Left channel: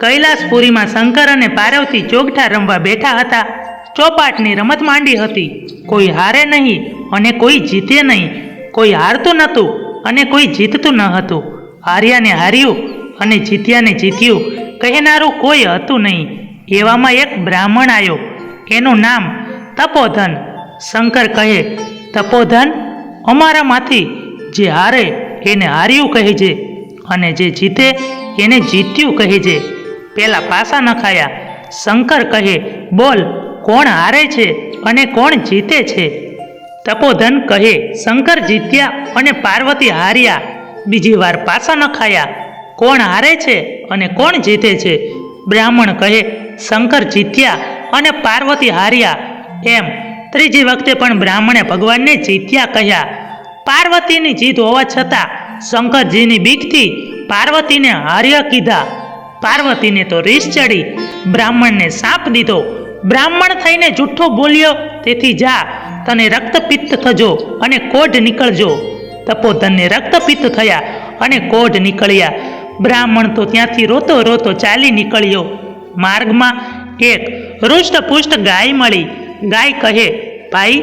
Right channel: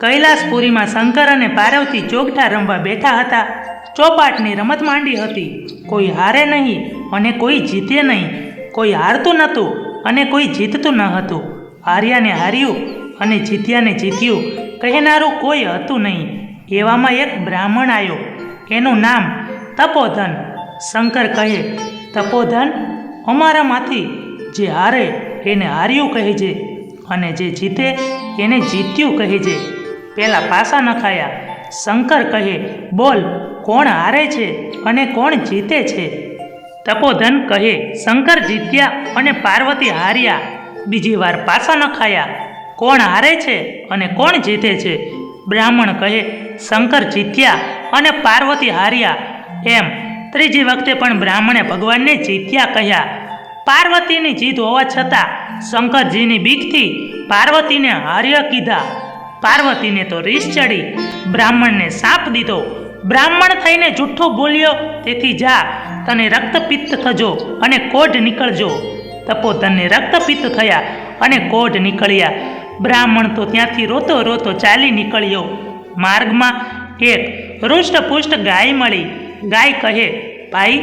કૈલાસપુરીમાં શંકર અને પાર્વતી ચોગઠા રમવા બેઠા હતા. ચોપાટની રમત માંડી હતી. કોઈ હારે નહીં અને કોઈ જીતે નહીં. કોઈ હારતું નહોતું અને કોઈ જીતતું ન હતું. હાર્યાને હાર્યું અને જીત્યાને જીત્યું કહેનારું કોઈ હતું નહીં. એવામાં એક બ્રાહ્મણ આવ્યો. એનું નામ તપોધન. શંકર કહે, તપોધન, અમારામાંથી જે હારે એને હાર્યું કહેજે અને જે જીતે એને જીત્યું કહેજે. પેલા પાસા નખાયા. શંકર કહે, બોલ, કોણ હારે છે અને કોણ જીતે છે? તપોધન કહે, શંકર જીત્યા અને પાર્વતી હાર્યા. બીજી વાર પાસા નખાયા. કોણ હારે છે અને કોણ જીતે છે? બ્રાહ્મણ કહે, શંકર જીત્યા અને પાર્વતી હાર્યા. એમ ત્રીજી વખતે પણ બ્રાહ્મણે ભગવાનને જીત્યા કહ્યા. પાર્વતીની જીત હોવા છતાં શંકરજીની બીકથી પાર્વતીને હાર્ય કીધા. પાર્વતીને તો રીસ ચડી. બ્રાહ્મણને સાપ દીધો. બ્રાહ્મણ થઈને જૂઠ્ઠો બોલ્યો, તેથી જા, તને રક્તપિત્ત થજો અને કોઢ નીકળજો. તપોધનને રક્તપિત્ત થયા અને કોઢ નીકળ્યા. બ્રાહ્મણ તો ત્યાંથી રોતો રોતો ચાલી નીકળ્યો. માર્ગમાં એક હૃષ્ટપુષ્ટ ગાય મળી. ગાય કહે, ભાઈ,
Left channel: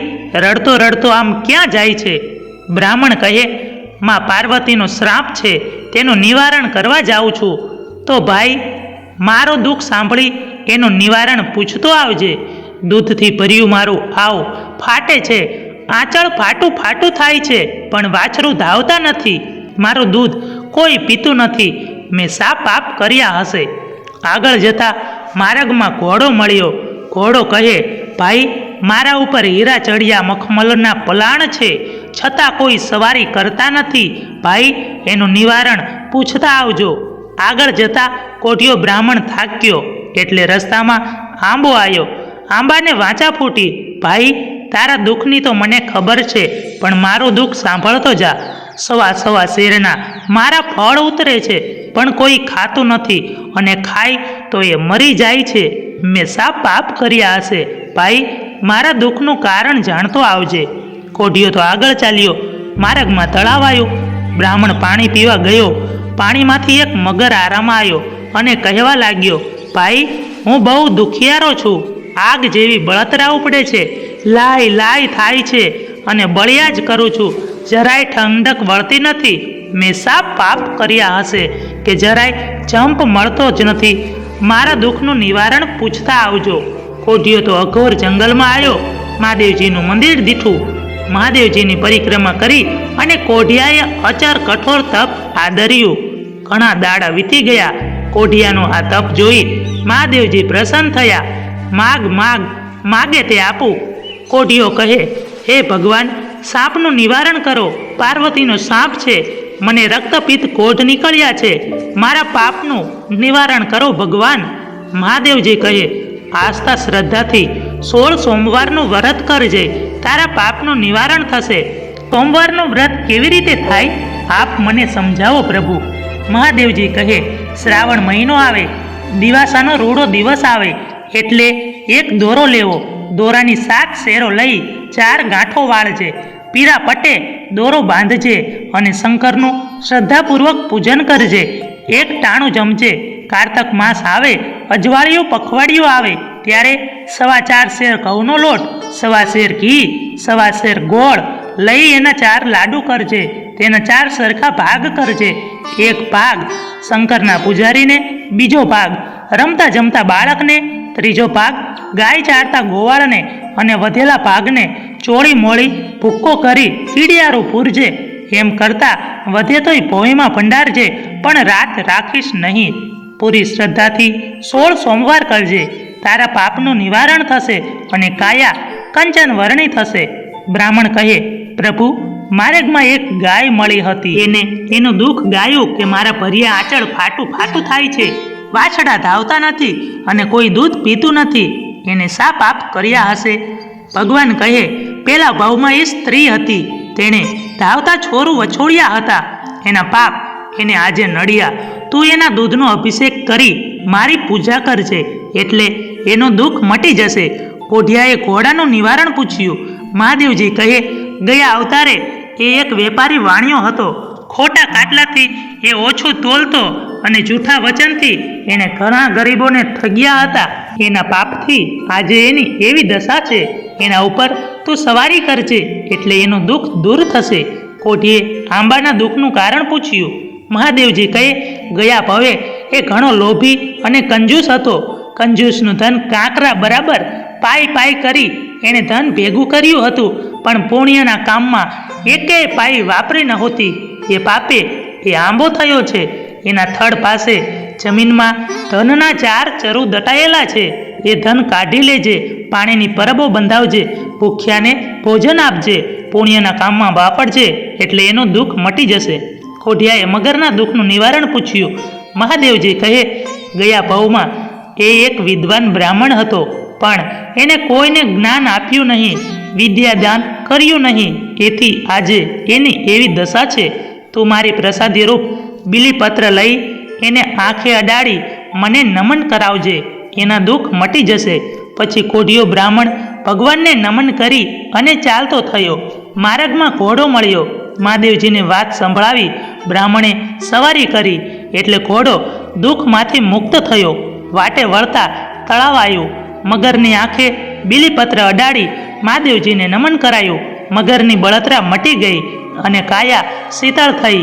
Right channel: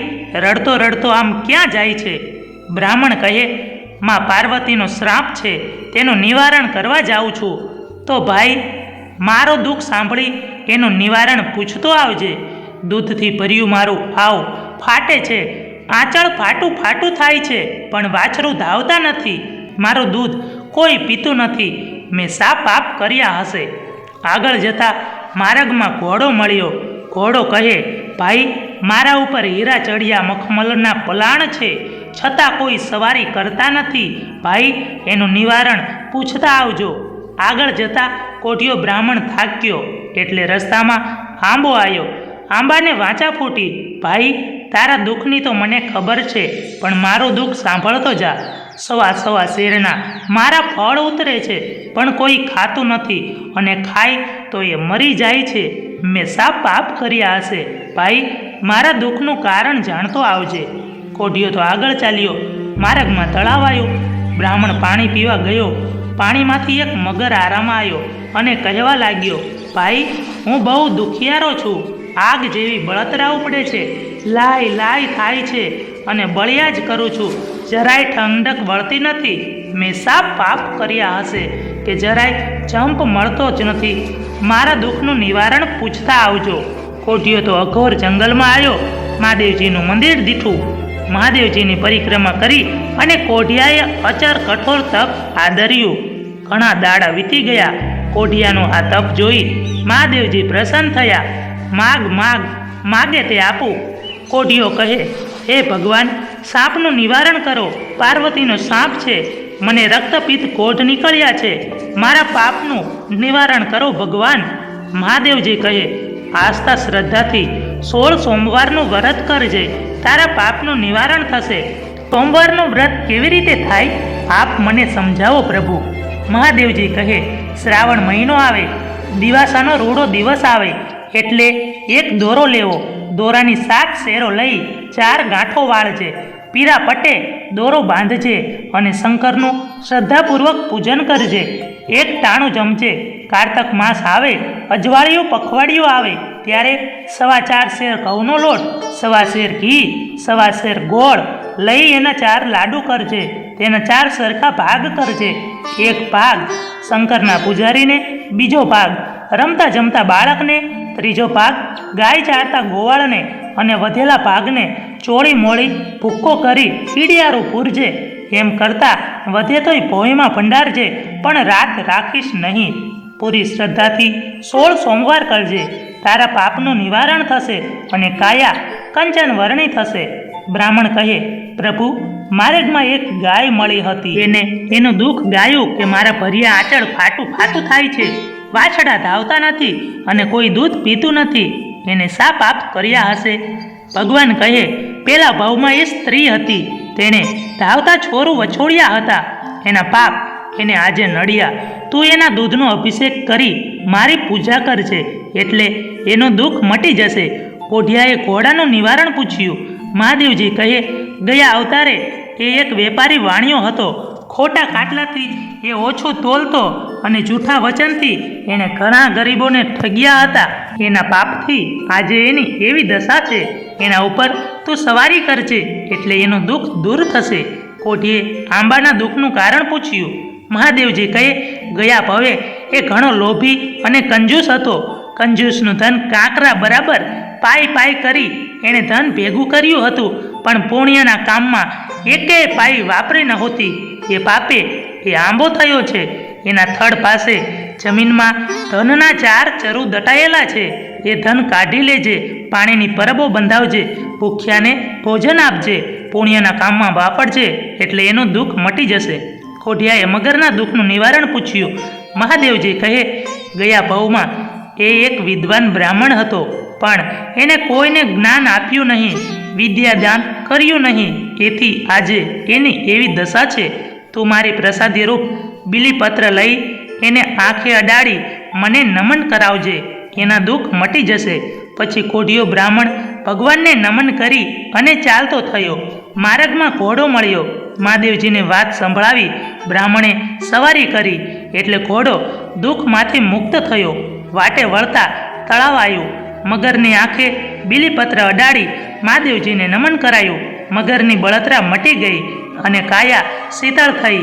રડતો રડતો આમ ક્યાં જાય છે? બ્રાહ્મણ કહે, માં પાર્વતીનો શ્રાપ છે, તેનું નિવારણ કરવા જાઉં છું. તો ભાઈ, મારો દુઃખ સાંભળી એનું નિવારણ પૂછતો આવજે. દૂધથી ભર્યું મારું આવ ફાટે છે. આંચળ ફાટું ફાટું થાય છે, પણ વાછરું ધાવતા નથી. મારું દૂધ કોઈ પીતું નથી. મેં શા પાપ કર્યા હશે? આગળ જતા માર્ગમાં ઘોડો મળ્યો. ઘોડો કહે, ભાઈ, મારા ઉપર હીરા ચડિયા મખમલના પલાણ છે, છતાં કોઈ સવારી કરતા નથી. ભાઈ, એનું નિવારણ પૂછતા આવજો. આગળ જતા કોઢિયો બ્રાહ્મણ થાક્યો એટલે રસ્તામાં આંબો આવ્યો. આંબાને વાંચા ફૂટી. ભાઈ, તારા દુઃખની તો મને ખબર છે, પણ મારું દુઃખ સાંભળતો જા. સવા સવા શેરના મારા ફળ ઉતરે છે, પણ કોઈ ખાતું નથી, અને ખાય તો એ મરી જાય છે. મેં શા પાપ કર્યા હશે? ભાઈ, મારા દુઃખનું કારણ જાણતો આવજે. કોઢિયો તો આગળ ચાલ્યો. માર્ગમાં તળાવ આવ્યો. બ્રાહ્મણ પાણી પીવા ગયો. પાણીમાંથી એક મગર આરામાં આવ્યો અને કહેવા લાગ્યો, ભાઈ, હું બહુ દુખિયારો છું. આગ જેવી બળતરા ઉપડે છે. લાય લાય થાય છે અને બળિયા જ કરું છું. જરાય ઠંડક વળતી નથી. મેં શા પાપ કર્યા હશે કે જરાય જંપ મળતો જ નથી? મારા દુઃખનું નિવારણ પૂછતા આવજો. કોઢિયો તો અઘોર જંગલમાં આવ્યો. મહાદેવજીનું મંદિર દીઠું. મહાદેવજીની પરિક્રમા કરી અને કોઢિયાએ અચર કઠોર તપ આદર્યું. ઘણા દાડા વીતી ગયા. કોઢિયાનું આ તપ જોઈ મહાદેવજી પ્રસન્ન થયા. માગ માગ, માગે તે આપું. કોઢિયો કહે, હે ભગવાન, સાપનું નિવારણ કરો. પાર્વતીનો સાપ છે. મને રક્તપિત્ત કોઢ નીકળ્યા છે. મારા પાપનું નિવારણ કરો ભગવાન. મહાદેવજી કહે, આસ્થા શ્રદ્ધાથી 16 સોમવારનું વ્રત કરજે. તારા પાપનું નિવારણ થશે. સોમવારનું વ્રત કેવી રીતે થાય? આપ મને સમજાવો પ્રભુ. મહાદેવજી કહે, શ્રાવણ મહિનો આવે, દિવાસાનો રૂડો દિવસ આવે એટલે એક દોરો લેવો. દોરાની 7 શેરો લઈ 4 ગાંઠો વાળજે. પીરા પટ્ટે દોરો બાંધજે અને શંકરનું શ્રદ્ધાપૂર્વક પૂજન કરજે. એક ટાણું જમજે. કારતક માસ આવે, અજવાળિયું પખવાડિયું આવે ત્યારે 4.25 શેર ઘઉંનો લોટ, 1.25 શેર ઘી, 1.25 શેર ગોળ લઈ એના 4 લાડુ કરજે. તેના 4 સરખા ભાગ કરજે. એક ભાગ શંકરના પૂજારીને, બીજો ભાગ રમતા જમતા બાળકને, ત્રીજો ભાગ ગાય ચારતા ગોવાળને અને વધેલા ભાગને ચોળી મોળી ભૂક્કો કરી પીડિયારું પૂરજે. એમ કરતાં વધે તોય ભોંયમાં ભંડારજે, પણ રાત રાખીશ નહીં. પૂરી શ્રદ્ધાથી 16 સોમવાર કરજે. તારા પાપનું નિવારણ થશે અને કાયા કંચન વર્ણી થશે. બ્રાહ્મણ કહે, પ્રભુ, માર્ગમાં એક ગાય મળી હતી. એનું દુઃખ ગાયું કે મારા ભર્યા આંચળ ફાટું ફાટું થાય છે. વાછડા ધાવતા નથી અને કોઈ દૂધ પીતું નથી. એને શા પાપ કર્યા હશે? ભગવાન કહે, પેલા ભાવમાં એ સ્ત્રી હતી. તેણે ધાવતા છોરું વછોડ્યા હતા. એના પાપ એને આજે નડ્યા. તું એના દૂધનો અભિષેક કરી મારી પૂજા કરજે, એટલે એનું દુઃખ મટી જશે. કોઢિયાએ ઘોડાનું નિવારણ પૂછ્યું. મહાદેવજી કહે, ગયા અવતારે એ એક વેપારી વાણિયો હતો. ખોટા કાટલાથી એ ઓછું તોલતો અને જૂઠા વચનથી એણે ઘણા ગરીબોને ઠગ્યા હતા. એના પાપથી આજે એની એવી દશા છે. એના ઉપર તું સવારી કરજે એટલે એનું દુઃખ દૂર થશે. કોઢીએ આંબાના દુઃખનું કારણ પૂછ્યું. મહાદેવજી કહે, ગયા ભવે એ ઘણો લોભી અને કંજૂસ હતો. કંજૂસનું ધન કાંકરા બરાબર પાઈ કરી એણે ધન ભેગું કર્યું હતું, પણ પુણ્યના કામમાં એકેય પાઈ વાપરી નહોતી. એ પાપે એ આંબો થયો છે. એના થડ પાસે જમીનમાં ધનના 4 ચરુ દટાયેલા છે. એ ધન કાઢી લેજે, પાણીની પરબો બંધાવજે, ભૂખ્યાને ભોજન આપજે, પુણ્યના કામમાં વાપરજે એટલે એનું દુઃખ મટી જશે. કોઢિયાએ મગરના દુઃખનું નિવારણ પૂછ્યું. મહાદેવજી કહે, ગયા ભવમાં એ એક વિદ્વાન બ્રાહ્મણ હતો, પણ એને કોઈને જ્ઞાન આપ્યું નહીં, વિદ્યાદાન કર્યું નહીં. તેથી આજે એની એવી દશા છે. તું મારી પ્રસાદી રૂપ બીલીપત્ર લઈ એને આંખે અડાડી મને નમન કરાવજે, એના દુઃખ મટી જશે. પછી કોઢિયો બ્રાહ્મણ ભગવાનને નમન કરી અને ચાલતો થયો. માર્ગમાં ઘોડો મળ્યો. મહાદેવજીને વાત સંભળાવી બ્રાહ્મણે સવારી કરી એટલે ઘોડો દુઃખમાંથી મુક્ત થયો. વાટે વળતા તળાવ આવ્યું. મગરની આંખે બીલીપત્ર અડાડી મહાદેવજીને નમન કરાયું. મગરની બળતરા મટી ગઈ અને કાયા શીતળ થઈ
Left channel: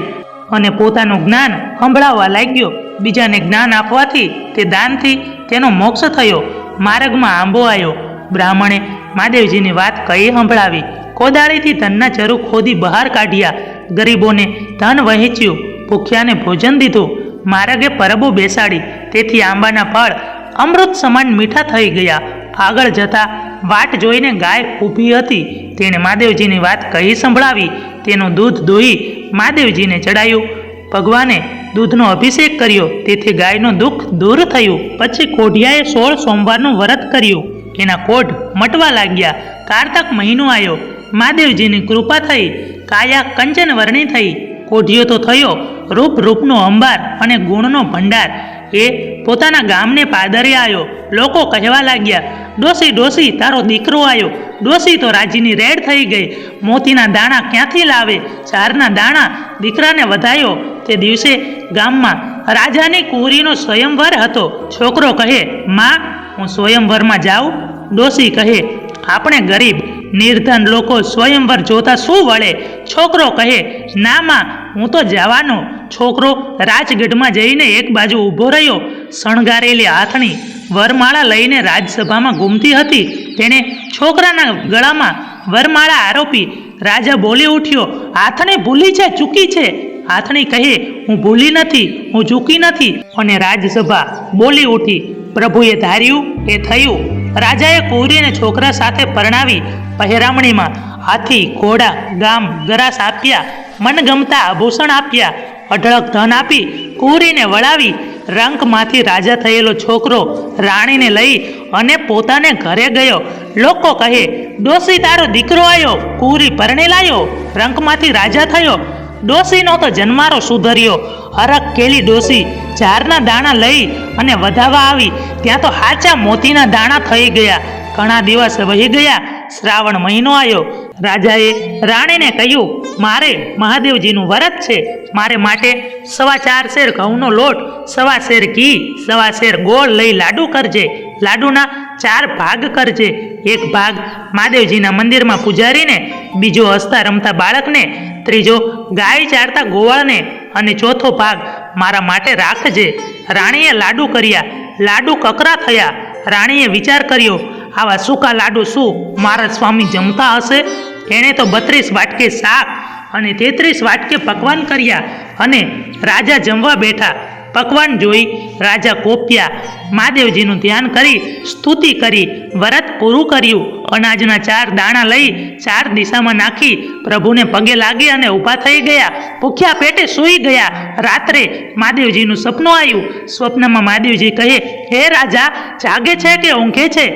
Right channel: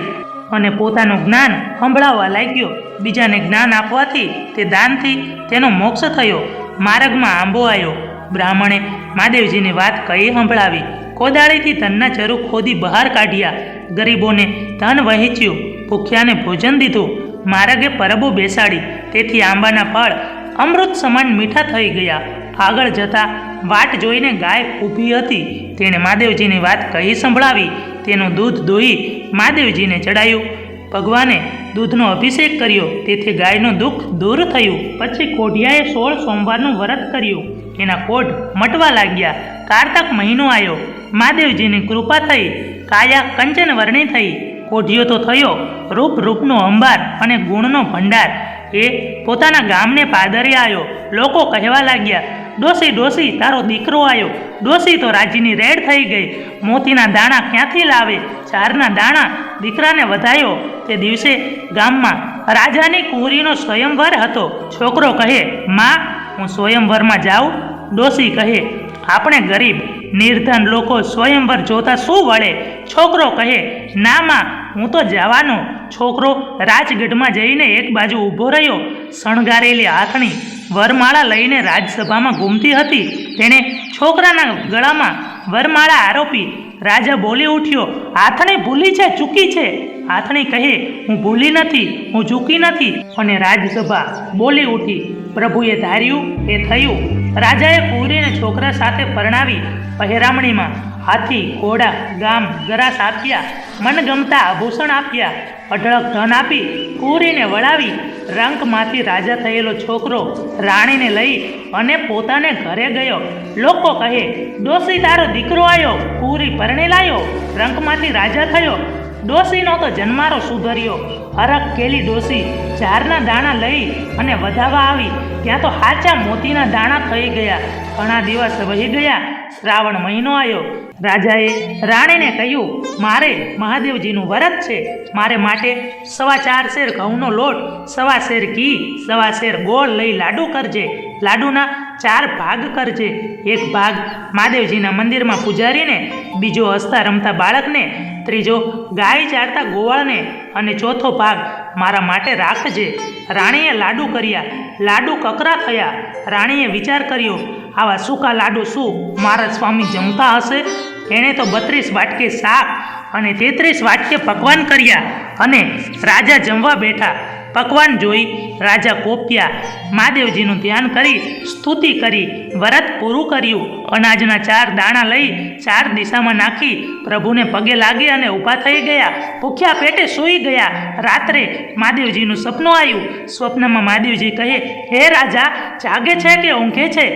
અને પોતાનું જ્ઞાન સંભળાવવા લાગ્યો. બીજાને જ્ઞાન આપવાથી તે દાનથી તેનો મોક્ષ થયો. માર્ગમાં આંબો આવ્યો. બ્રાહ્મણે મહાદેવજીની વાત કહી સંભળાવી. કોદાળીથી ધનના ચરુ ખોદી બહાર કાઢ્યા. ગરીબોને ધન વહેંચ્યું, ભૂખ્યાને ભોજન દીધું, માર્ગે પરબો બેસાડી. તેથી આંબાના ફળ અમૃત સમાન મીઠા થઈ ગયા. આગળ જતા વાટ જોઈને ગાય ઊભી હતી. તેણે મહાદેવજીની વાત કહી સંભળાવી. તેનું દૂધ દોહી મહાદેવજીને ચડાયું. ભગવાને દૂધનો અભિષેક કર્યો, તેથી ગાયનું દુઃખ દૂર થયું. પછી કોઢિયાએ 16 સોમવારનું વ્રત કર્યું. એના કોઢ મટવા લાગ્યા. કારતક મહિનો આવ્યો. મહાદેવજીની કૃપા થઈ. કાયા કંચન વર્ણી થઈ. કોઢિયો તો થયો રૂપનો અંબાર અને ગુણનો ભંડાર. એ પોતાના ગામને પાદરે આવ્યો. લોકો કહેવા લાગ્યા, ડોસી ડોસી તારો દીકરો આવ્યો. ડોસી તો રાજીની રેડ થઈ ગઈ. મોતીના દાણા ક્યાંથી લાવે? 4ના દાણા દીકરાને વધાયો. તે દિવસે ગામમાં રાજાની કુંવરીનો સ્વયંવર હતો. છોકરો કહે, માં હું સ્વયંવરમાં જાઉં? ડોસી કહે, આપણે ગરીબ નિર્ધન લોકો સ્વયંવર જોતા શું વળે? છોકરો કહે, ના માં હું તો જવાનો. છોકરો રાજગઢમાં જઈને એક બાજુ ઊભો રહ્યો. શણગારેલી હાથણી વરમાળા લઈને રાજસભામાં ઘૂમતી હતી. તેણે છોકરાના ગળામાં વરમાળા આરોપી. રાજા બોલી ઉઠ્યો, હાથણી ભૂલી છે, ચૂકી છે. હાથણી કહે, હું ભૂલી નથી, હું ચૂકી નથી. અને રાજસભા બોલી ઉઠી, પ્રભુએ ધાર્યું એ થયું. રાજાએ કુંવરીને છોકરા સાથે પરણાવી. પહેરામણીમાં હાથી, ઘોડા, ગામ, ગરાસ આપ્યા. મનગમતા આભૂષણ આપ્યા. અઢળક ધન આપી કુંવરીને વળાવી. રંકમાંથી રાજા થયેલો છોકરો રાણીને લઈ અને પોતાને ઘરે ગયો. લોકો કહે, ડોસી તારો દીકરો આવ્યો, કુંવરી પરણે લાયો, રંકમાંથી રાજા થયો. ડોસીનો તો જન્મારો સુધર્યો. હરક કેલી ડોસી 4ના દાણા લઈ અને વધાવા આવી. ત્યાં તો હાચા મોતીના દાણા થઈ ગયા. ઘણા દિવસ વહી ગયા. શ્રાવણ મહિનો આવ્યો. રાજાએ રાણીને કહ્યું, મારે મહાદેવજીનું વ્રત છે. મારે માટે 4.25 શેર ઘઉંનો લોટ, 1.25 શેર ઘી, 1.25 શેર ગોળ લઈ લાડુ કરજે. લાડુના 4 ભાગ કરજે. એક ભાગ મહાદેવજીના મંદિરમાં પૂજારીને, બીજો હસતા રમતા બાળકને, ત્રીજો ગાય ચારતા ગોવાળને અને ચોથો ભાગ મારા માટે રાખજે. રાણીએ લાડુ કર્યા. લાડુ કકરા થયા. રાણીએ વિચાર કર્યો, આવા સૂકા લાડુ શું મારા સ્વામી જમતા હશે? એણે તો 32 વાટકે શાક અને 33 વાટકે પકવાન કર્યા અને રાજા જમવા બેઠા. પકવાન જોઈ રાજા કોપ્યા. મહાદેવજીનું ધ્યાન કરી સ્તુતિ કરી વ્રત પૂરું કર્યું. અનાજના 4 દાણા લઈ 4 દિશામાં નાખી પ્રભુને પગે લાગી અને ઊભા થઈ ગયા. ભૂખ્યા પેટે સૂઈ ગયા. રાત્રે મહાદેવજીનું સપનું આવ્યું. સ્વપ્નમાં મહાદેવજી કહે, હે રાજા, જાગે છે કે ઊંઘે છે?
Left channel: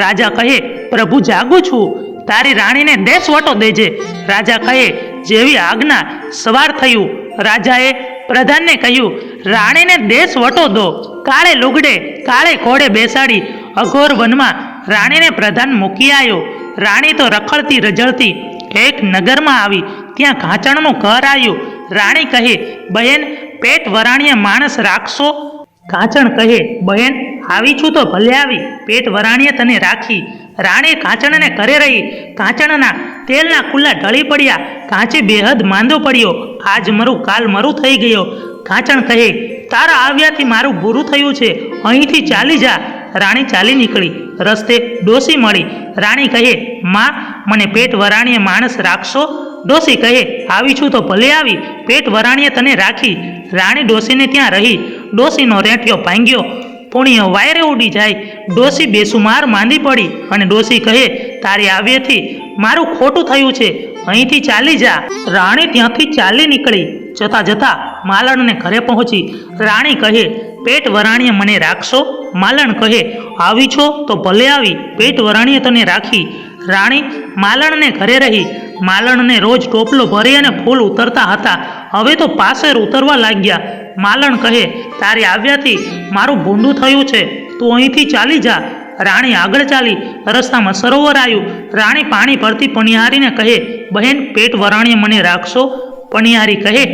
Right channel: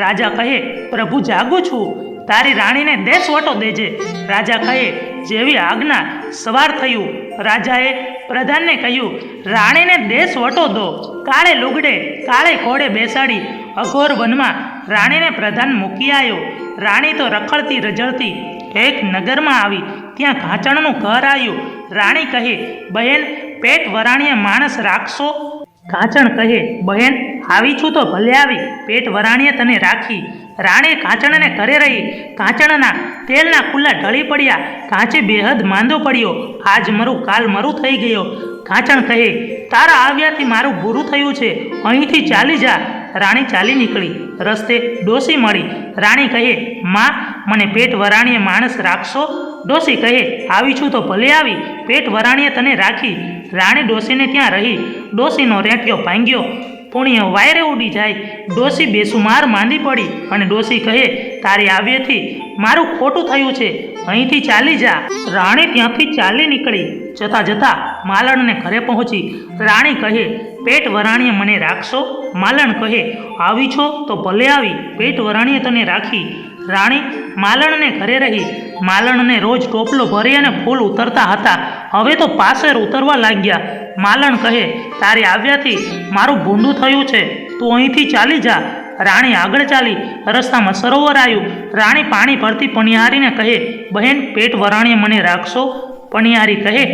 રાજા કહે, પ્રભુ જાગું છું. તારી રાણીને દેશવટો દેજે. રાજા કહે, જેવી આજ્ઞા. સવાર થયું. રાજાએ પ્રધાનને કહ્યું, રાણીને દેશવટો દો. કાળે લુગડે કાળે ઘોડે બેસાડી અઘોર વનમાં રાણીને પ્રધાન મૂકી આવ્યો. રાણી તો રખડતી રજળતી એક નગરમાં આવી. ત્યાં ઘાંચણનું ઘર આવ્યું. રાણી કહે, બહેન પેટ વરાણીએ માણસ રાખશો? કાંચણ કહે, બહેન આવી છું તો ભલે આવી, પેટ વરાણીએ તને રાખી. રાણી કાંચણને ઘરે રહી. કાંચણના તેલના કુલ્લા ઢળી પડ્યા. કાંચી બેહદ માંદો પડ્યો. આજ મરું કાલ મરું થઈ ગયો. કાંચણ કહે, તારા આવ્યાથી મારું બુરું થયું છે, અહીંથી ચાલી જા. રાણી ચાલી નીકળી. રસ્તે ડોસી મળી. રાણી કહે, માં મને પેટ વરાણીએ માણસ રાખશો? ડોસી કહે, આવી છું તો ભલે આવી, પેટ વરાણીએ તને રાખી. રાણી ડોસીને ત્યાં રહી. ડોસીનો રેંટિયો ભાંગ્યો, પૂણીઓ વાયરે ઉડી જાય. ડોસી બેસુમાર માંદી પડી અને ડોસી કહે, તારે આવ્યેથી મારું ખોટું થયું છે, અહીંથી ચાલી જા. રાણી ત્યાંથી ચાલી નીકળી. જતા જતા માલણને ઘરે પહોંચી. રાણી કહે, પેટ વરાણીએ મને રાખશો? માલણ કહે, આવી છો તો ભલે આવી, પેટ વરાણીએ તને રાખી. રાણી માલણને ઘરે રહી. માલણને રોજ ટોપલો ભરી અને ફૂલ ઉતરતા હતા, હવે તો પાસેર ઉતરવા લાગ્યા. માલણ કહે, તારે આવ્યાથી મારું ભૂંડું થયું છે, તું અહીંથી ચાલી જા. રાણી આગળ ચાલી. રસ્તામાં સરોવર આવ્યું. રાણી પાણી ભરતી પણિહારીને કહે, બહેન પેટ વરાણીએ મને રાખશો? પણિહારી કહે,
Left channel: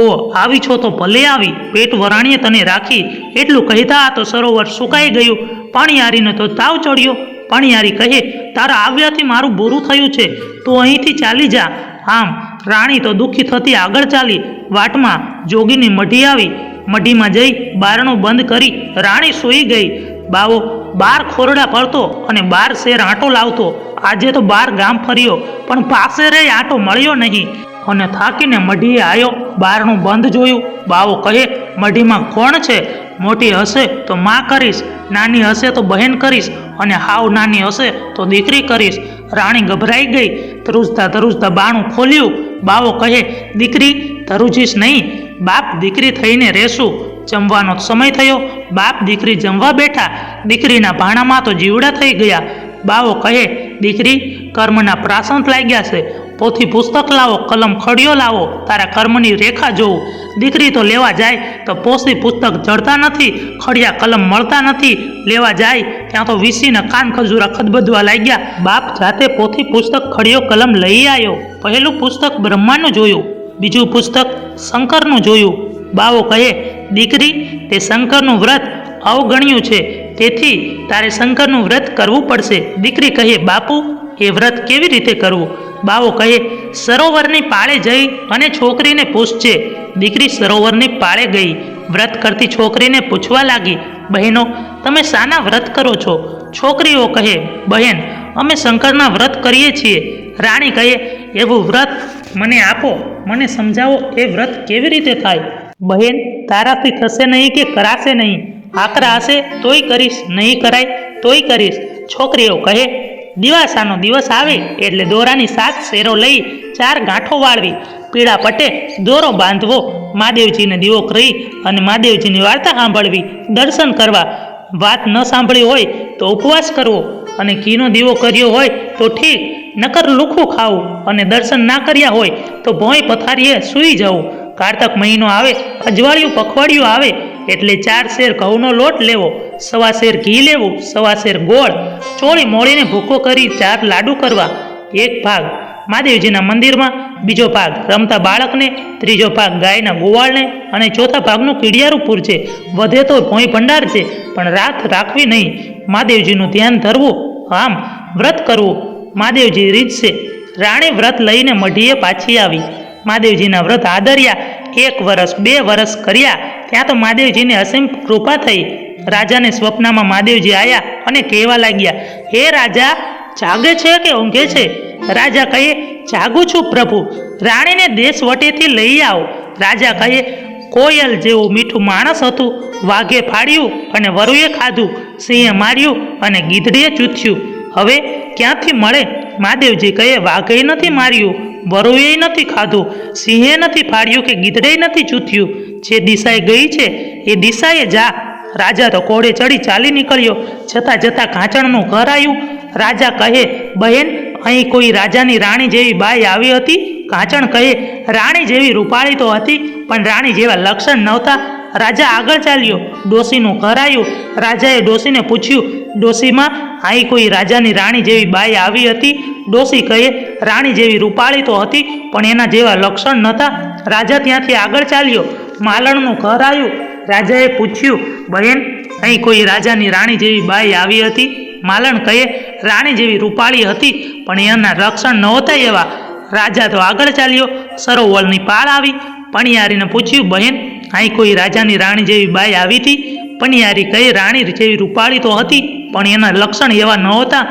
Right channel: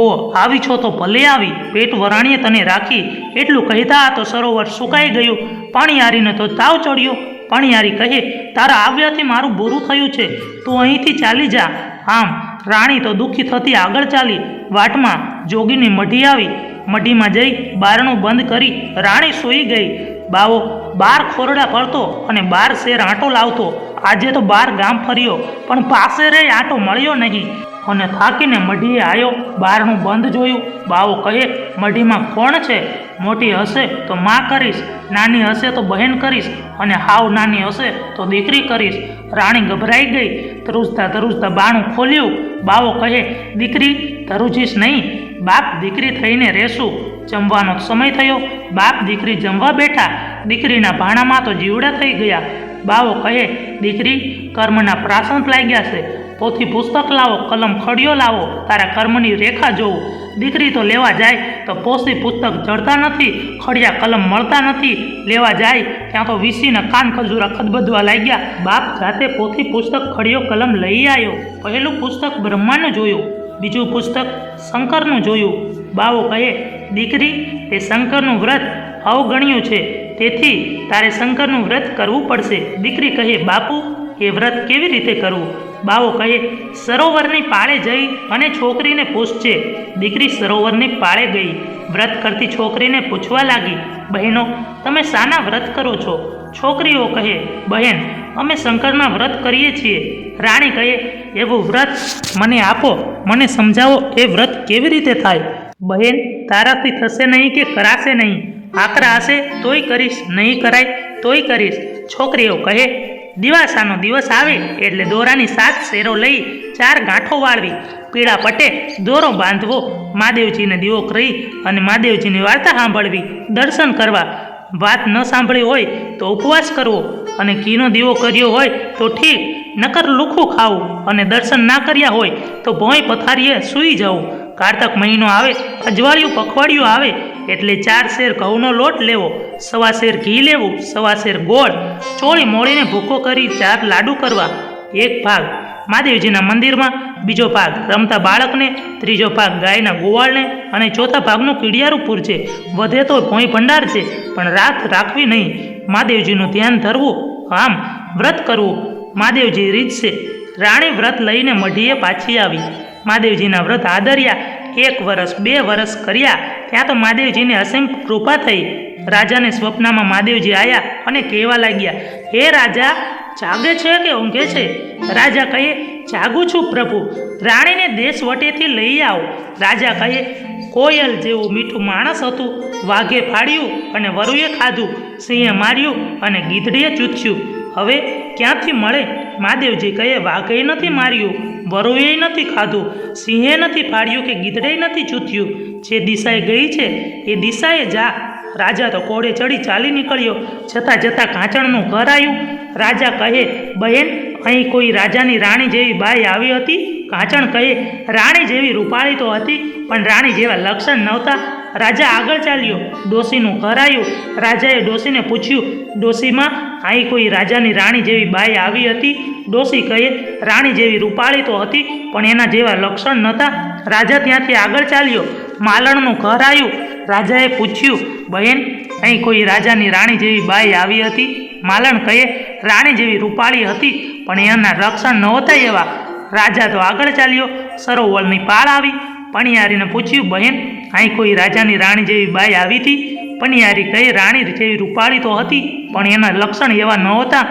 ઓ આવી છો તો ભલે આવી, પેટ વરાણીએ તને રાખી. એટલું કહેતા તો સરોવર સુકાઈ ગયું. પણિહારીને તો તાવ ચડ્યો. પણિહારી કહે, તારા આવ્યાથી મારું બુરું થયું છે, તું અહીંથી ચાલી જા. આમ રાણી તો દુઃખી થતી આગળ ચાલી. વાટમાં જોગીની મઢી આવી. મઢીમાં જઈ બારણું બંધ કરી રાણી સૂઈ ગઈ. બાવો 12 ખોરડા ભરતો અને 12 શેર આંટો લાવતો. આજે તો 12 ગામ ફર્યો, પણ પાસેરે આંટો મળ્યો નહીં અને થાકીને મઢીએ આવ્યો. બારણું બંધ જોયું. બાવો કહે, મઢીમાં કોણ છે? મોટી હશે તો માં કરીશ, નાની હશે તો બહેન કરીશ, અને હાવ નાની હશે તો દીકરી કરીશ. રાણી ગભરાઈ ગઈ. ધ્રુજતા ધ્રુજતા બારણું ખોલ્યું. બાવો કહે, દીકરી ધ્રુજીશ નહીં, બાપ દીકરી થઈને રહેશું. જમવાનો સમય થયો. બાપ દીકરી જમવા બેઠા. દીકરીના ભાણામાં તો જીવડા થઈ ગયા. બાવો કહે, દીકરી કર્મના પ્રાસંત લાગ્યા છે, પોથી પુસ્તક લાવો, કલમ ખડિયો લાવો, તારા કર્મની રેખા જોઉં. દીકરી તો લેવા જાય તો પોથી પુસ્તક જડતા નથી, ખડિયા કલમ મળતા નથી. લેવા જાય ત્યાં તો વીસીના કાન ખજૂરા ખદબદવા લાગ્યા. બાપ જાતે પોથી પુસ્તક ખડિયો કલમ લઈ આવ્યો. પહેલું પુસ્તક બ્રહ્માનું જોયું, બીજું પુસ્તક શંકરનું જોયું. બાવો કહે, દીકરી તે શંકરનું વ્રત અવગણ્યું છે, તેથી તારે શંકરનું વ્રત કરવું પડશે. દીકરી કહે, બાપુ એ વ્રત કેવી રીતે કરવું? બાવો કહે, સરોવરની પાળે જઈ અને છોકરીને પૂછજે. દીકરી સરોવરની પાળે ગઈ. વ્રત કરતી છોકરીને પૂછવા લાગી, બહેનો તમે શાના વ્રત કરો છો? છોકરીઓ કહે, બહેન અમે શંકરના વ્રત કરીએ છીએ. રાણી કહે, એવું વ્રત મને આપો, મને સમજાવો એ વ્રત કેવી રીતે થાય? બહેન તારાથી થશે નહીં કે કરાશે નહીં, આકરા હશે તોય કરીશ, નહીં કરાય તોય કરીશ. છોકરીઓ કહે, દિવાસાનો દિવસ આવે એટલે દોરાની 7 શેરો લઈ 4 ગાંઠો વાળવી, પીળા પટ્ટે દોરો બાંધવો, મહાદેવજીને દીવો કરી અને મહાદેવજીની વાર્તા સાંભળવી, દર્શન કરવા. વાત ન સાંભળી હોય તો ઉપવાસ કરવો, અને ઘીનો દીવો કર્યો હોય તો ઠીક, નકર લુખું ખાવું, અને દર્શન ના કર્યા હોય તો ભોંય પથારીએ સૂઈ જવું. કારતક મહિનો આવે, અજવાળિયું પખવાડિયું આવે એટલે 4 શેર ઘઉંનો લોટ લેવો, 1.25 શેર ઘી લેવું, 1.25 શેર ગોળ, ચોળી મોળીને ભૂકો કરી 4 લાડુ કરવા. એક ભાગ મહાદેવજીના મંદિરમાં, બીજો ભાગ રમતા બાળકને, ત્રીજો ભાગ ગાયના ગોવાળને, અને ચોથા ભાગનું કીડિયારું પૂરજે. વધે તો ભોંય ભંડાર છે, પણ રાત રાખવી નહીં. મહાદેવજીનું ધ્યાન ધરવું, આમ વ્રત કરવું. મહાદેવજી રીતશે. રાણી વ્રત લઈને મઢીએ પાછી આવી. મહાદેવજીના વ્રત આદર્યા. 1 વર્ષ 2 વર્ષ કર્યા. ત્યાં તો મહાદેવજીની અસીમ કૃપા થઈ. રાજાને સ્વપ્નમાં મહાદેવજી આવ્યા અને કહેવા લાગ્યા, હે રાજા જાગે છે કે ઊંઘે છે? રાજા કહે, જાગું છું પ્રભુ, રાણીને દેશ વટેથી લઈ આવો. રાજા કહે, કોયલ જેવું મીઠું માણસ હતું, વાઘે ફાડ્યું અને વરુએ ખાધું, સિંહે માર્યું અને ગીધડીએ ચૂથ્યું, હવે ક્યાંથી મળે? મહાદેવજી કહે, વાઘે નથી માર્યું, વરુએ નથી ખાધું, સિંહે નથી ફાડ્યું કે ગીધડે નથી ચૂથ્યું, જે દિશાએ ગઈ છે એ દિશાએ જા. રાજા તો ઘોડે ચડી ચાલી નીકળ્યો. જતાં જતાં કાંચણનું ઘર આવ્યું. રાજા કહે, બહેન અહીં કોઈ રાજાની રાણી જેવી બાઈ આવી હતી? કાંચણ કહે, રાણી જેવી રૂપાળી તો હતી, પણ રાણી જેવા લક્ષણ નહોતા. રાજા આગળ ચાલ્યો. ડોશીનું ઘર આવ્યું. રાજાએ ડોશીને પૂછ્યું, ડોશીમાં અહીં કોઈ રાજાની રાણી જેવી બાઈ આવી હતી? ડોશી કહે, રાણી જેવી રૂપાળી તો હતી, પણ એના જેવા લક્ષણ નહોતા. રાજા ત્યાંથી આગળ ચાલ્યો. માલણનું ઘર આવ્યું. રાજાએ પૂછ્યું, બહેન, અહીં કોઈ રાજાની રાણી જેવી બાઈ આવી હતી? માલણ કહે, રાણી જેવી રૂપાળી હતી, પણ એના લક્ષણ નહોતા એવા. રાજા તો આગળ ચાલ્યો. સરોવરની પાળ આવી. પણિયારીને પૂછ્યું, બહેન, અહીં કોઈ રાજાની રાણી જેવી બાઈ આવી હતી? પણિયારી કહે, રાણી જેવી રૂપાળી તો હતી, પણ એના લક્ષણ એવા નહોતા.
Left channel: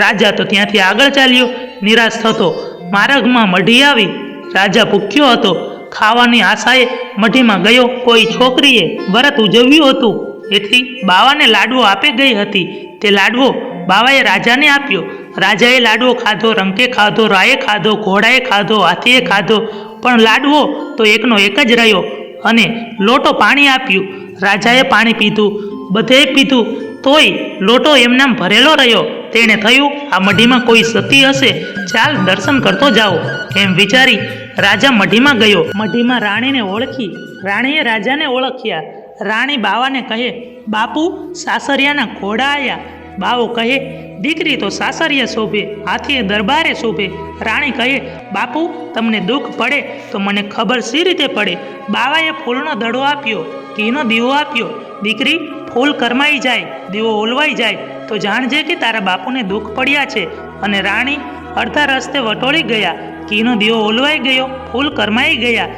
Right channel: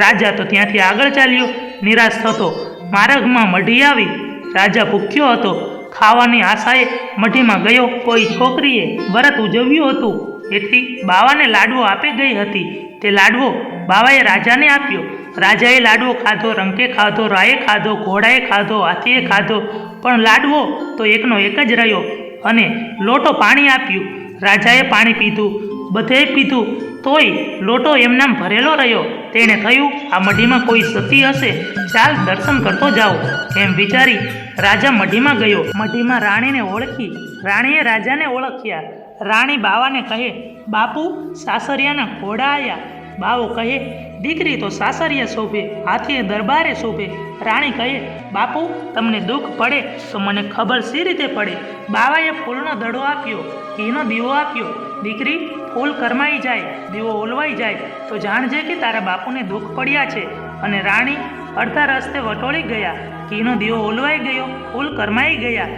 રાજા તો ત્યાંથી આગળ ચાલ્યો. નિરાશ થતો માર્ગમાં મઢી આવી. રાજા ભૂખ્યો હતો. ખાવાની આશાએ મઢીમાં ગયો. કોઈ છોકરીએ વ્રત ઉજવ્યું હતું, એથી બાવાને લાડવો આપી ગઈ હતી. તે લાડવો બાવાએ રાજાને આપ્યો. રાજાએ લાડવો ખાધો, રંકે ખાધો, રાયે ખાધો, ઘોડાએ ખાધો, હાથીએ ખાધો, પણ લાડવો તો એકનો એક જ રહ્યો. અને લોટો પાણી આપ્યું. રાજાએ પાણી પીધું, બધે પીધું, તોય લોટો એમનામ ભરેલો રહ્યો. તેણે થયું, આ મઢીમાં કોઈ સતી હશે, ચાલ દર્શન કરતો જાઓ. એમ વિચારી રાજા મઢીમાં ગયો. મઢીમાં રાણીને ઓળખી. રાણીએ રાજાને ઓળખ્યા. રાણી બાવાને કહે, બાપુ, સાસરિયાના ઘોડા આવ્યા. બાવો કહે, દીકરી તો સાસરિયા શોભે, હાથીએ દરબારે શોભે. રાણી કહે, બાપુ, તમને દુઃખ પડે તો મને ખબર સી રીતે પડે? બાવાએ ફૂલનો દડો આપ્યો, ઘીનો દીવો આપ્યો. દીકરી, ફૂલ કરમાઈ જાય, દીવો ઓલવાઈ જાય તો જાણજે કે તારા બાપુને દુઃખ પડ્યા છે. અને રાણી અડધા રસ્તે વટોળી ગયા. ઘીનો દીવો ઓલવાઈ ગયો, ફૂલ કરમાઈ ગયા.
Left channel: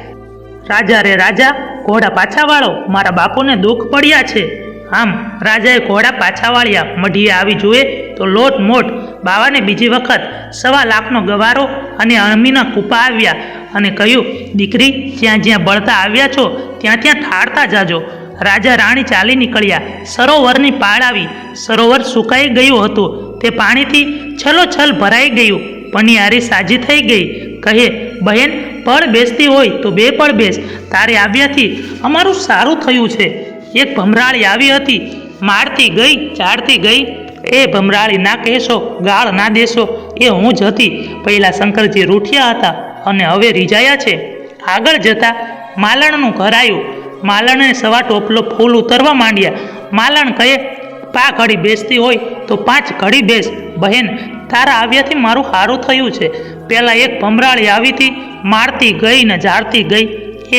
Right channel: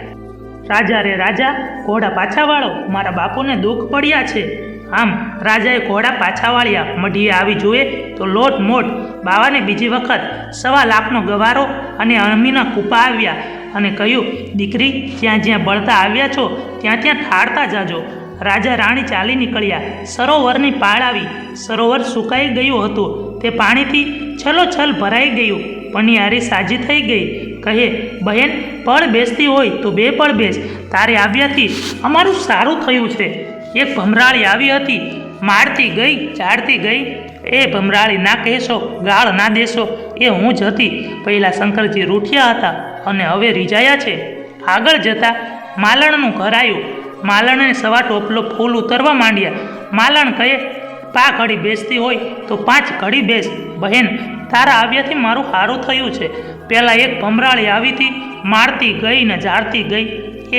રાજા રે રાજા, ઘોડા પાછા વાળો, મારા બાપુને દુઃખ પડ્યા છે. આમ રાજાએ ઘોડા પાછા વાળ્યા. મઢીએ આવી જુએ તો લોટ મોટ. બાવાને બીજી વખત 1.25 લાખનો ગવારો અને અણમીના કૂપા આવ્યા અને કહ્યું, દીકરી, જ્યાં જ્યાં બળતા આવ્યા છો ત્યાં ત્યાં ઠાળતા જાજો. રાજા રાણી ચાલી નીકળ્યા. સરોવરની પાળ આવી. સરોવર સુકાઈ ગયું હતું. તે પાણીથી છલોછલ ભરાઈ ગયું. પનિયારી સાજી થઈ ગઈ. કહે, બહેન, પળ બેસતી હોય તો 2 પળ બેસ. તારે આવ્યાથી અમારું સારું થયું છે. એક ભમરાળી આવી હતી. મારતી ગઈ, ચાડતી ગઈ. એ ભમરાળી ના કહેશો, ગાળ ના દેશો, એ હું જ હતી. પહેલાં શંકરજી રૂઠિયા હતા અને હવે રીઝાયા છે. આગળ જતા માલણનું ઘર આવ્યું. માલણે સવા ટોપલો ફૂલ ઉતરવા માંડ્યા. માલણ કહે, 5 ઘડી બેસતી હોય તો 5 ઘડી બેસ. બહેન, તારા આવ્યાથી મારું સારું થયું છે. પહેલાં એક ભમરાળી આવી હતી, મારતી ગઈ ને ઝાડતી ગઈ.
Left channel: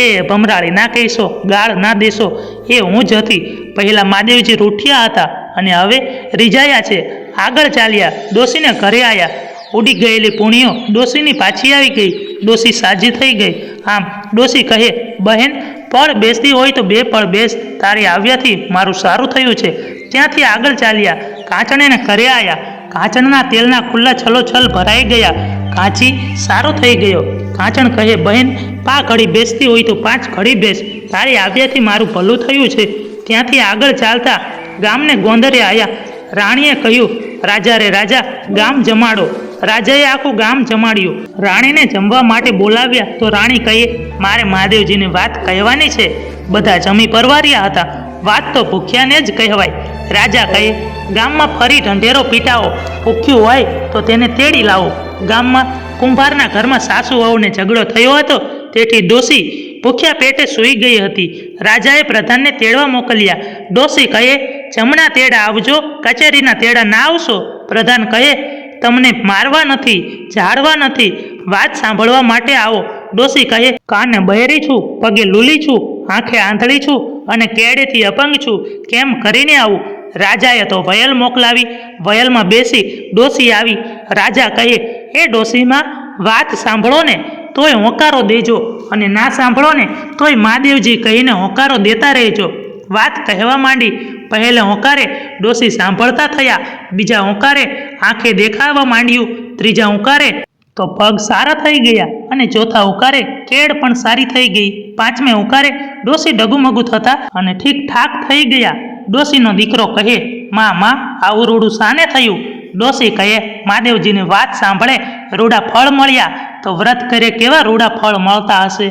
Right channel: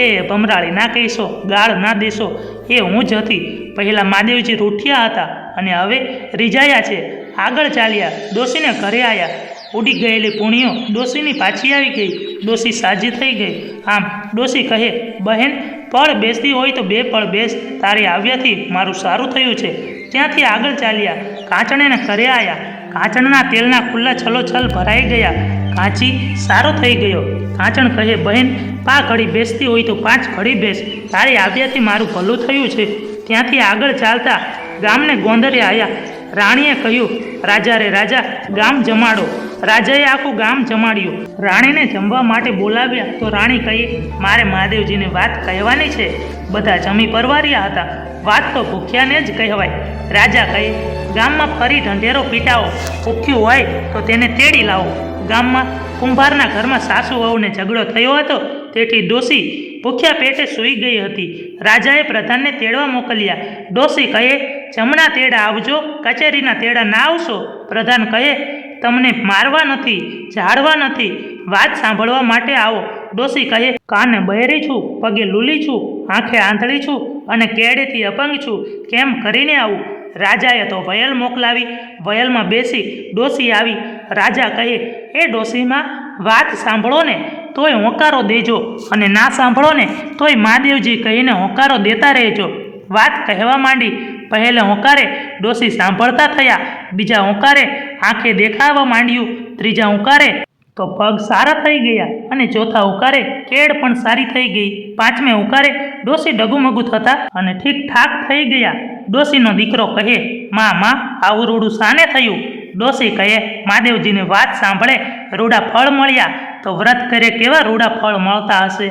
એ ભમરાળી ના કહીશો, ગાળ ના દેશો, એ હું જ હતી. પહેલાં મહાદેવજી રૂઠિયા હતા અને હવે રીઝાયા છે. આગળ ચાલ્યા. ડોશીને ઘરે આવ્યા. ઉડી ગયેલી પૂણીઓ ડોશીની પાછી આવી ગઈ. ડોશી સાજી થઈ ગઈ. આમ ડોશી કહે, બહેન, પળ બેસતી હોય તો 2 પળ બેસ. તારે આવ્યાથી મારું સારું થયું છે. ત્યાંથી આગળ ચાલ્યા. કાંચણીને ઘરે આવ્યા. કાંચણના તેલના ખુલ્લા છલોછલ ભરાઈ ગયા. કાંચી સારો થઈ ગયો. કાંચણ કહે, બહેન, 5 ઘડી બેસતી હોય તો 5 ઘડી બેસ. તારે આવ્યાથી મારું ભલું થયું છે. ત્યાંથી આગળ ચાલતા ગામને ગોંદરે આવ્યા. રાણીએ કહ્યું, રાજા રે રાજા, ગામ જમાડો. રાજાએ આખું ગામ જમાડ્યું. રાણીને જમવા માટે બોલાવ્યા તો રાણી કહે, મારે મહાદેવજીની વાત કહેવાની છે. બધા જમી પરવાર્યા હતા. વાત તો ભૂખ્યાને જ કહેવાય. રાજા કહે, ગામમાં ફરી ઢંઢેરો પીટાવો. ભૂખ્યું હોય તો તેને તેડી લાવો. ગામમાં કુંભારના ઘરમાં સાસુ વહુને ઝઘડો થયો હતો, તેથી ડોશી ભૂખ્યા પેટે સૂઈ ગઈ હતી. રાજાએ પ્રધાનને તેડવા મોકલ્યા. ડોશી કહે, જમણા તેડા આવજો, કચેરીના તેડા ના આવશો. પ્રધાન કહે, તમને મારવા નથી, ઝાડવા નથી, વાત સાંભળવા માટે આવો. ડોશી કહે, કાને બહેરી છું, પગે લૂલી છું, આંખે આંધળી છું અને કેડેથી અપંગ છું. કેમ કરીને આવું? રાજાએ તો વયલ મોકલાવી. વયલમાં બેસી ડોશી આવી. રાજા કહે, એ ડોશીમાં વાત સાંભળો ને તોય હોંકારો દેજો, અને ના સાંભળો ને તોય મહાદેવજી કહીને હોંકારો દેતા રહેજો. વાત કહેવા માંડી. પહેલે હોંકારે ડોશી સાંભળતા થયા. બીજા હોંકારે આંખે દેખાવા માંડ્યું. ત્રીજા હોંકારે તો પગ સારા થઈ ગયા અને ચોથા હોંકારે કેડ પણ સારી થઈ ગઈ. 5મે હોંકારે ડોશી ડગુમગુ થતા અને ઠીક ઠાક થઈ ગયા. ડોશીનો દીકરો કહે, માં, આવું રૂડું શાને થયું? ડોશી કહે, મહાદેવજીની વાત સાંભળે રૂડા ફળ મળ્યા તો વ્રત કરે કેવા રૂડા ફળ મળતા હશે.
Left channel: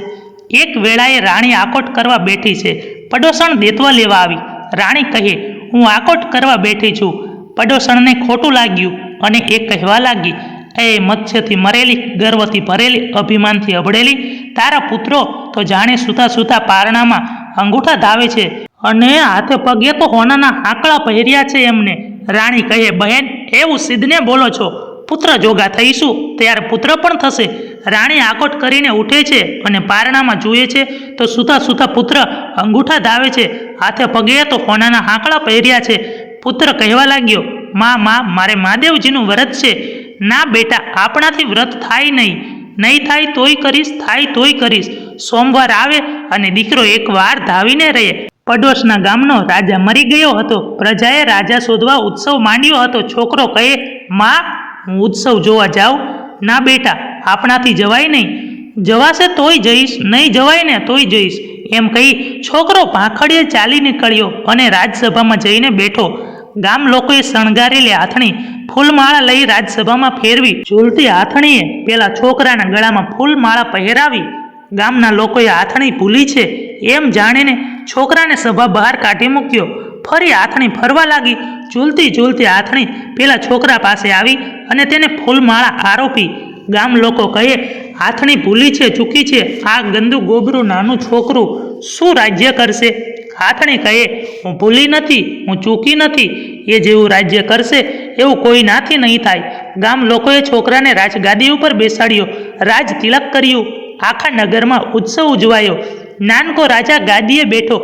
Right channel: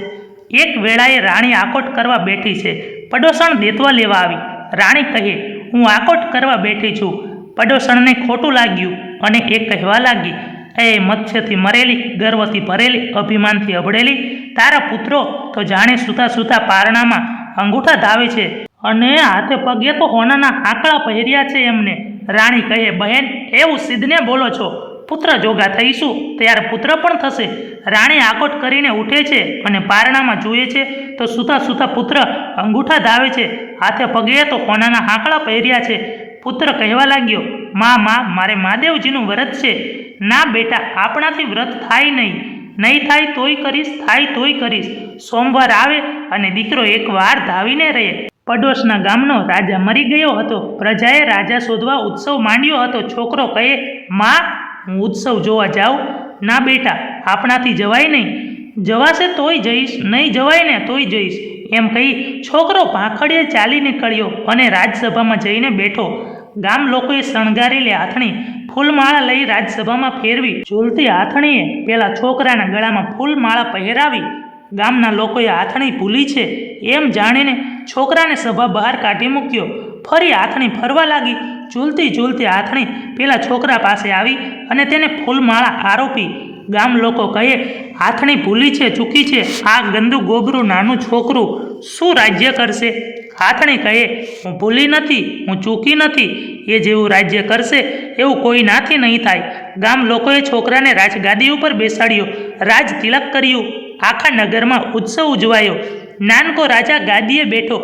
એક વેળાએ રાણી આકોટ કરવા બેઠી છે. પડોસણ દેતવા લેવા આવી. રાણી કહે, હું આકોટ કરવા બેઠી છું. પડોસણને ખોટું લાગ્યું અને એ કહેવા લાગી, એ મત્સ્યથી મરેલી, ગર્વથી ભરેલી, અભિમાનથી અભળેલી, તારા પુત્રો તો જાણે સૂતા સૂતા પારણામાં અંગૂઠા ધાવે છે અને હાથે પગે તો હોનાના આંકડા પહેર્યા છે એમને. રાણી કહે, બહેન, એવું સિદ્ધને બોલો છો? પુત્ર જોગા થઈશું ત્યારે પુત્ર પણ થશે. રાણી આકોટ કરીને ઉઠે છે અને પારણામાં જુએ છે તો સૂતા સૂતા પુત્ર અંગૂઠા ધાવે છે. હાથે પગે તો કોનાના હાંકડા પહેર્યા છે. પુત્ર કહેવા લાગ્યો, માં મારે મહાદેવજીનું વ્રત છે. ના બેટા, આપણાથી વ્રત થાય નહીં થાય તોય કરીશ, થાય તોય કરીશ. સોમવાર આવે અને દીકરો એકવાર ધાવીને રહે. પડોશના ગામનો રાજા મરી ગયો હતો. પ્રજાએ રાજા શોધવા ઉત્સવ માંડ્યો હતો. છોકરો કહે, માં હું ઉત્સવ જોવા જાઉં? ના બેટા, આપણાથી જવાય નહીં. જવાશે તોય જઈશ, નહીં જવાય ને તોય જઈશ. એમ કહી છોકરો ભાખડીએ ચાલી નીકળ્યો અને રાજસભામાં જઈને બેઠો. ગામ લોકોએ શણગારેલી આથણી ફૂલમાળા લઈ રાજસભામાં ફેરવી. ઝૂલતી આથણીએ પેલા છોકરાના ગળામાં ફૂલમાળા પહેરાવી. ગામના લોકોએ આથણી ભૂલી છે એમ જાણીને છોકરાને સભા બહાર કાઢી મૂક્યો. ફરી આથણી ફરવા લાગી. ઝૂલતી આથણી પેલા છોકરા પાસે આવી અને તેને ફૂલમાળા આરોપી. ગામ લોકો કહે, આથણી ભૂલી છે, ચૂકી છે. આ ગંદુ ગોબરું નાનું છોકરું શું રાજ્ય કરશે? આથણી કહે, હું ભૂલી નથી, હું ચૂકી નથી. એ જેવું રાજ્ય કરશે એવું કોઈ નાથી નહીં થાય. ગામ લોકોએ છોકરાને રાજગાદી ઉપર બેસાડ્યો. રાજ તિલક કર્યું. આખા નગરમાં ઉત્સવ ઉજવાયો. નાનકો રાજા ગાદીએ બેઠો.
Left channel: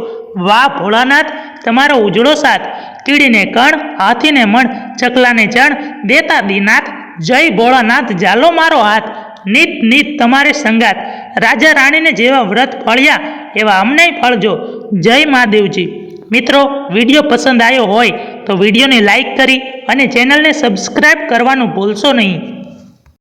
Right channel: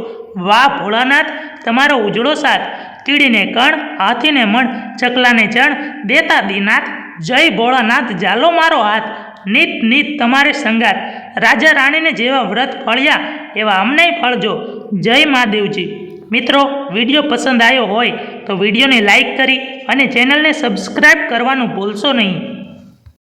વાહ ભોળાનાથ, તમારો ઉજળો સાથ. તીડીને કણ, હાથીને મણ, ચકલાને ચણ, દેતા દીનાથ. જય ભોળાનાથ, જાલો મારો હાથ. નીત તમારે સંગાત. રાજા રાણીને જેવા વ્રત ફળ્યા એવા અમને ફળજો. જય મહાદેવજી. મિત્રો, વિડીયો પસંદ આવ્યો હોય તો વિડીયોને લાઈક કરી અને ચેનલને સબસ્ક્રાઈબ કરવાનું ભૂલશો નહીં.